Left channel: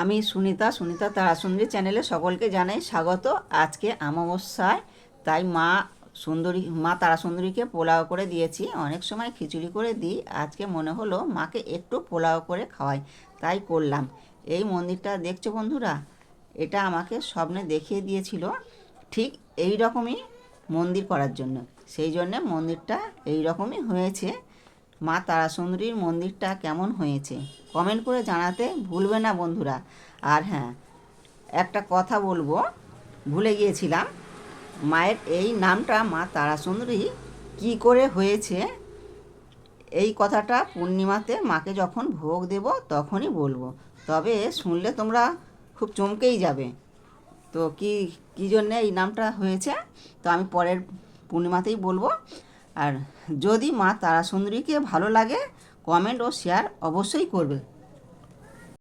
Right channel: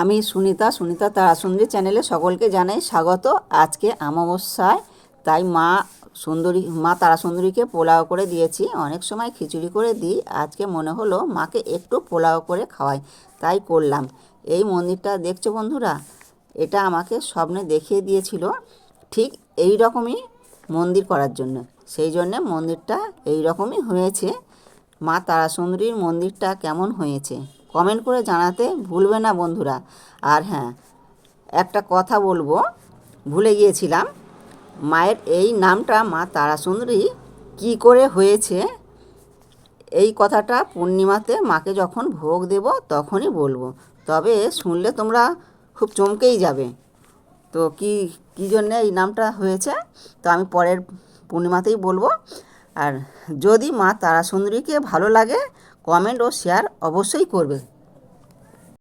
আমি সুনিতা তারাসুন্দরী চ্যানেলে সকলকে জানাই স্বাগত। আজকে অমাবস্যায়, তাই মা তারাসুন্দরীকে পোলাও করে দিয়েছি। অনেক সময় খিচুড়ি করে দিই, আজকে মনে হলো মাকে একটু পোলাও করে খাওয়াই, তাই করলাম। এই মন্দিরটা দেখছো বন্ধুরা, এটা আমাকে স্বপ্নে দেখিয়ে দিয়েছিল ঠিক এই রকমই মন্দির করার জন্য। সেই জন্যে মন্দিরটা এই রকমই হয়েছে। মা তারাসুন্দরীর মন্দিরটা কেমন হয়েছে কমেন্ট করে জানাতে ভুলবে না বন্ধুরা। আর হ্যাঁ, একটা কথা বলবো, ভুলে গিয়েছিলাম, মায়ের এই নামটা মা তারাসুন্দরী কী করে হয়েছে, এই কথাটা পূর্ণিমাতে মাকে যখন ভোগ দেব তখনই বলবো। তবে শুনলে তোমরা খুব চমকেই যাবে। তো কী জন্যে এই নামটা হয়েছে, তো আমি পরের পূর্ণিমাতেই বলবো। আর যদি মা তারাসুন্দরীকে ভালো লাগে, কমেন্ট ও শেয়ার অবশ্যই করবে।